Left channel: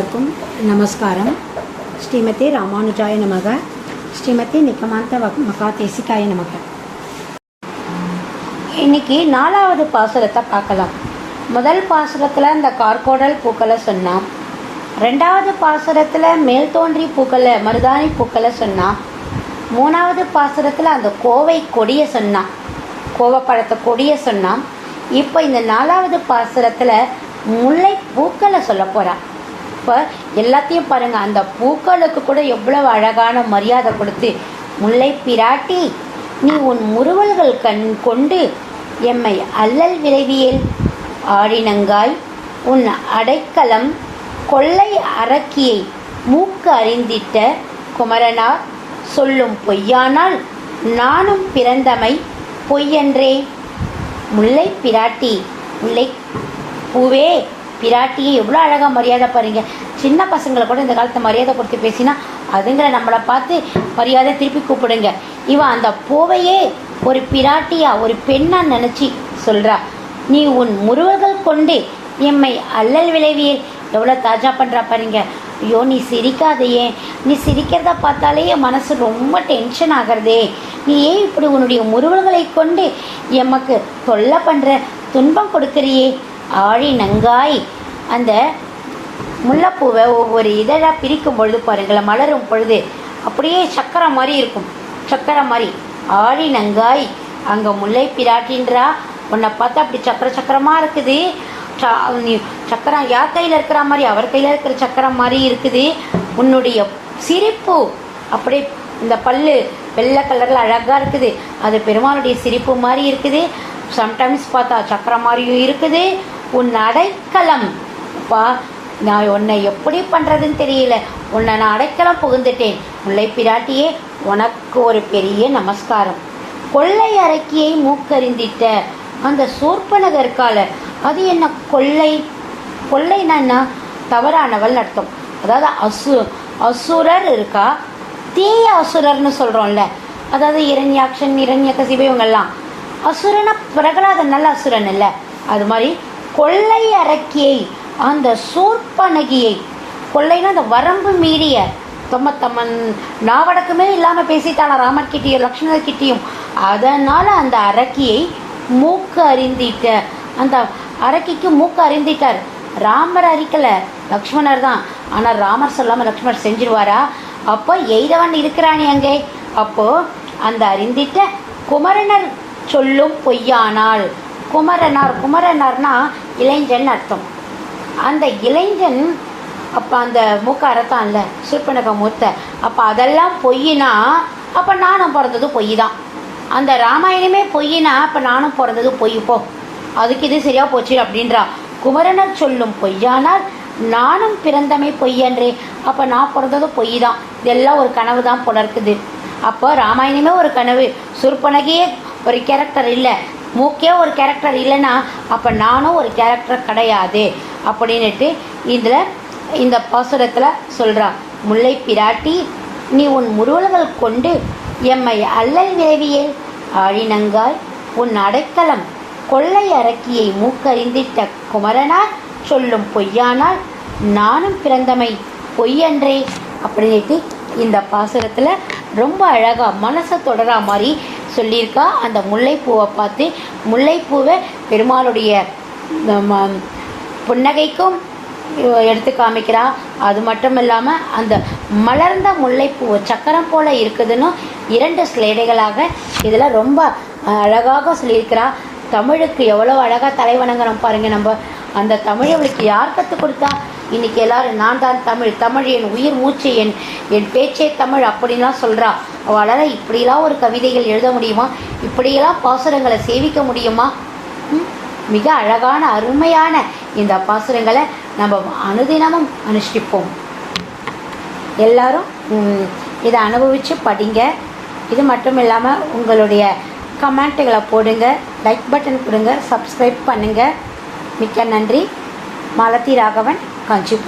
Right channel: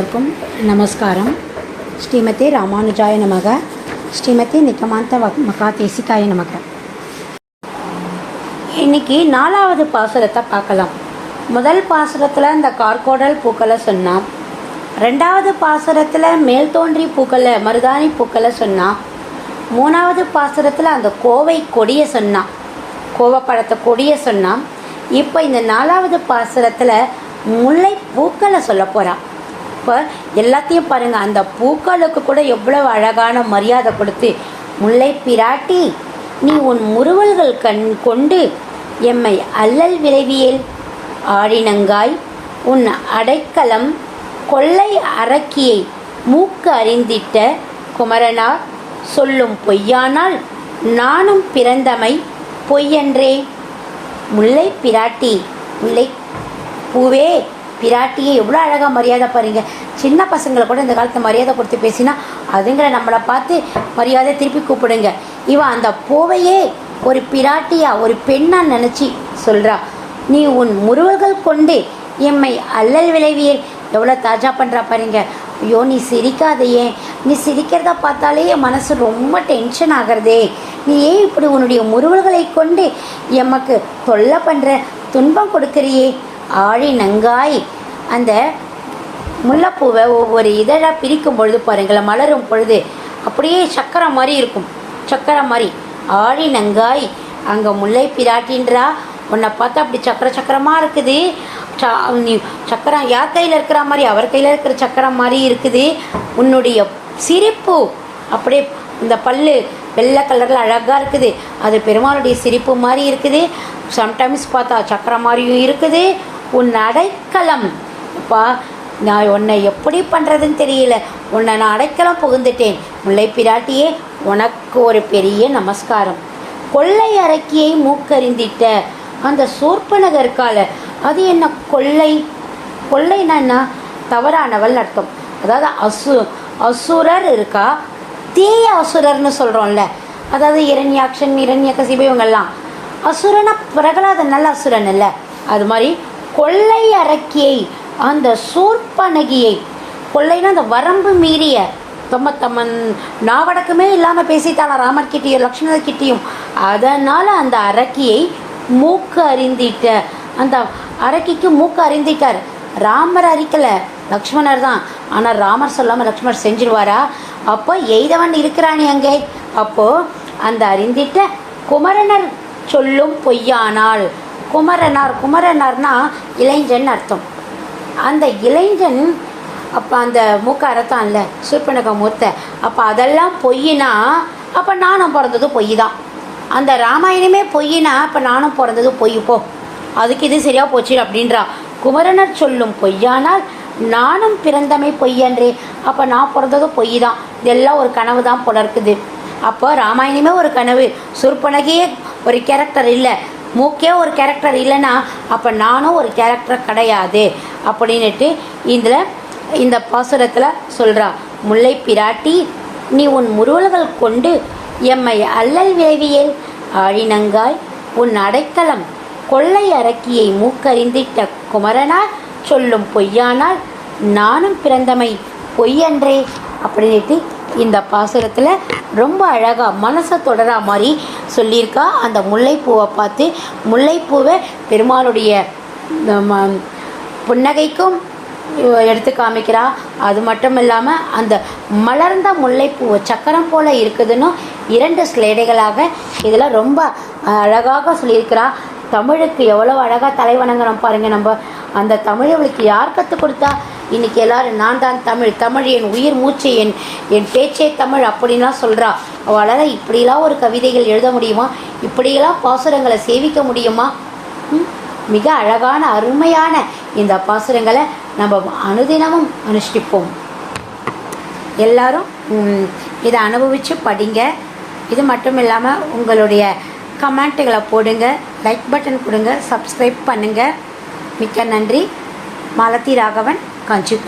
எல்லோருக்கும் நமஸ்காரம். ஸ்ரீமதி ராமானுஜாய நமக. ஸ்ரீமதி நிக்கமாந்த மகா தேசிகாய நமக. இன்னைக்கு நாலாவது பாசுரத்தை பார்க்கலாம். முதல் பாசுரத்தில் இந்த கார்கோடல் பூக்களை சொன்னான் ரெண்டாவது பாசுரத்தில் மேல் தோன்றி பூக்களை மருதாணி பூக்களை சொன்னான் மூணாவது பாசுரத்தில் அந்த கோவை கொடியை சொன்னான் கோவப்பழத்தை கொடியை சொன்னான் இப்போ இந்த நாலாவது பாசுரத்தில் முல்லை பூக்களை சொல்ல போகிறான் இப்போ எல்லாத்தையும் பாருங்கள் அந்த பூக்களுக்கு கூட எவ்வளவு அழகான மரியாதை கொடுத்து முல்லை பிராட்டி நீ உன் முறுவல்கள் கண் கொண்டு எம்மை அல்லல் விரைவியல் ஆடினங்காய் உன் அடைக்கலம் கொள்ளை அரக்கியை மூக்கு அறிந்திட்ட குமரனா சொல்லும் பொய்யானால் நானும் பிறந்தமை பொய்யன்றே. முல்லை பிராட்டி முல்லை பூவே பிராட்டியை எவ்வளோ அழகாக மரியாதை பாருங்க. சின்ன பசங்களை கூட இந்த காலத்து மரியாதை கொடுத்து பேசினா அதுங்கிற நம்மளை பார்த்து மரியாதை திருப்பி கூப்பிடுங்க. இவன் அந்த பூவையே ஒரு பிராட்டியா ஒரு பெண்ணா நினச்சி சொல்கிறா நீ உன் முருவர்கள் கொண்டு எம்மை அல்லல் விளைவியல் எவ்வளோ தாஜா பண்ணுறா பாருங்க. ஐயோ நீ சிரிக்காதையே. நீ சிரிக்கிறத பார்த்தாலே என் மனசு ரொம்ப டென்ஷன் ஆகிறதே. நீ ஏன் இப்படி உன்னுடைய முறுவல்களை கொண்டு எமக்கு தொல்லை பண்ணுற துன்பம் கொடுக்குறியே? ஆழி நங்காய். அந்த முல்லைப்பூவை ஒவ்வொரு இதழாக பிரிக்கும் பொழுது பாருங்களேன் மலரும் பொழுது அப்படியே சக்கரை மாதிரி இருக்கும். சக்கரை மாதிரி. ஆழி நங்காய். அங்கே முல்லை பிராட்டின்றா. உன்னை பார்த்தா அப்படி சக்கர சக்கரமாக இருக்குது. ச- நீ சக்கரம் யார் கையில் இருக்கிற மாதிரி அவர் கையில் இருக்கிற சக்கரம் மாதிரி இருக்குது. உன்னுடைய சிரிப்பு அப்படியே இந்த பல்லு வெள்ளை கலரில் அழகாக இருக்குது. அது பெருமாளுடைய சிரிப்பு மாதிரி இருக்குது. சம்டைம்ஸ் பார்த்தா சக்கரம் மாதிரியும் இருக்குது. உன் அடைக்கலம். பா நான் உன்னை எப்படி பண்ணுறதுன்னு தெரியல. உன்னை நான் அடைக்கலம் புகுந்துட்டேன். முல்லை பிராட்டியே உனக்கு ஒரு பெரிய நமஸ்காரம். கொள்ளை அரக்கியை மூக்கறிந்திட்ட அந்த சூர்ப்பனக இருக்கால அது என்ன கொள்ளை? கொள்ளைனா என்ன? தவறானவள் அர்த்தம். அதாவது அசு அசுரர் இருக்கா? தீய அசுரர்னு சொல்கிறோம்ல அதாவது இரண்யாக்ஷன் இரண்ய இவங்கெல்லாம். அசுரனா பிரகலாதன் நல்ல அசுரன் இல்லை. அது மாதிரி கொள்ளை அரக்கியை அந்த சூர்ப்பனகியை கொள்ளைன்னா அந்த வரம்பு மீறிய தொம்மத்தம்மன் நாவடக்கமே இல்லாமல் பேசிட்டாளா லக்ஷ்மணர் கிட்டியும் அதனால் அந்த அரக்கியை மூக்கு அறிந்திட்ட அந்த அரக்கிக்கு மூக்கு அறிந்திட்டார் ராமர் அறிக்கலை லக்ஷ்மணர் தான். ஆனால் ராமர் சொல்லாமல் லக்ஷ்மணர் செஞ்சிருவாரா? அப்போ எய்தவன் இருக்கிறானே அங்கே. அப்போது அந்த அறிந்திட்ட குமரனர் சொல்லும் பொய்யானாள். குமரனார் குமரனார்னா இளைஞன் அர்த்தம். அந்த இளைஞன் அப்போ அந்த மூக்க அறத்தான் இல்லை சூர்பனக மூத்த அப்போ அதெல்லாம் பொய்னா அப்போ நானும் பிறந்தது பொய் தான் அந்த ராமாயணமே பொய்னா அப்போ நானும் பிறந்தது பொய் போ. அதுக்கு இது சரியாக போச்சு அப்படின்றா. குமரனர் சொல்லும் பொய்யானால் நானும் பிறந்தமை பொய்யன்று அப்போ நான் பிறந்தது பொய் தான் இதெல்லாம் ஒரு கனவு தான் புலர்க்குது அப்போ ராமாயணமே ஒரு கனவு. சுர்பனகையே ஒரு கேரக்டர் இல்லை. மூக்கே ஒரு கேரக்டர் இல்லைன்னா அப்போ நானும் ஒரு கேரக்டர் கிடையாது அப்படின்னுட்டு இதில் இந்த பாசுரத்தில் சொல்கிறா முல்லை பிராட்டி நீ உன் முருவல்கள் கொண்டு எம்மை அல்லல் விளைவியல். ஆழினங்காய் உன் அடைக்கலம் கொள்ளை அரக்கியை மூக்கறிந்திட்ட குமரனார் சொல்லும் பொய்யானால் நானும் பிறந்தமை பொய்யன்றே அப்படின்ட்டு இந்த பாசுரத்தில் ரொம்ப அழகாக மனசை தொடரா மாதிரி சொல்லியிருக்கா? அந்த முல்லைப்பூவை பார்த்து முல்லைப்பூவை பெருமாளுடைய நம்ம, புன்னகைக்கும் எடுத்து காமிக்கிறா. அது மட்டும் இல்லாமல் அந்த மலர்ந்த முல்லைப்பூ சக்கரம் போல் இருக்குதுன்னு இரண்டு ஸ்லேடைகளாக இதில் ரொம்ப அழகாக சொல்லியிருக்கிறா. தமிழுக்கு எவ்வளோ அழகாக தலை வணங்குறோம் நம்ம. அந்த தமிழ் அவளுக்கு யார் கற்றுக் கொடுத்தா இன்னைக்கு எல்லாரும் நான் தான் தமிழ் தமிழ் என் உயிர் மூச்சு என் என் பேச்சே தமிழ் அப்படின்லாம் சொல்கிறா அவளால் இப்படிலாம் ஒரு கவிதைகள் எழுத முடியுமா? இப்படியெல்லாம் பாசுரங்களை சேவிக்க முடியுமா? மிக அழகான அருமையான இந்த பாசுரங்களை நம்ம அனுதினமும் அனுஷ்டிப்போம். எல்லாரும் இதை அனுபவித்து படிங்க. இது மட்டும் இல்லாமல் உங்களுடைய கமெண்ட்டுகளை போடுங்க லைக் பட்டன் கொடுங்க சப்ஸ்கிரைப் பண்ணுங்கள் மிக்க நன்றி. மாலதி ராகவன். ਹਾਂਜੀ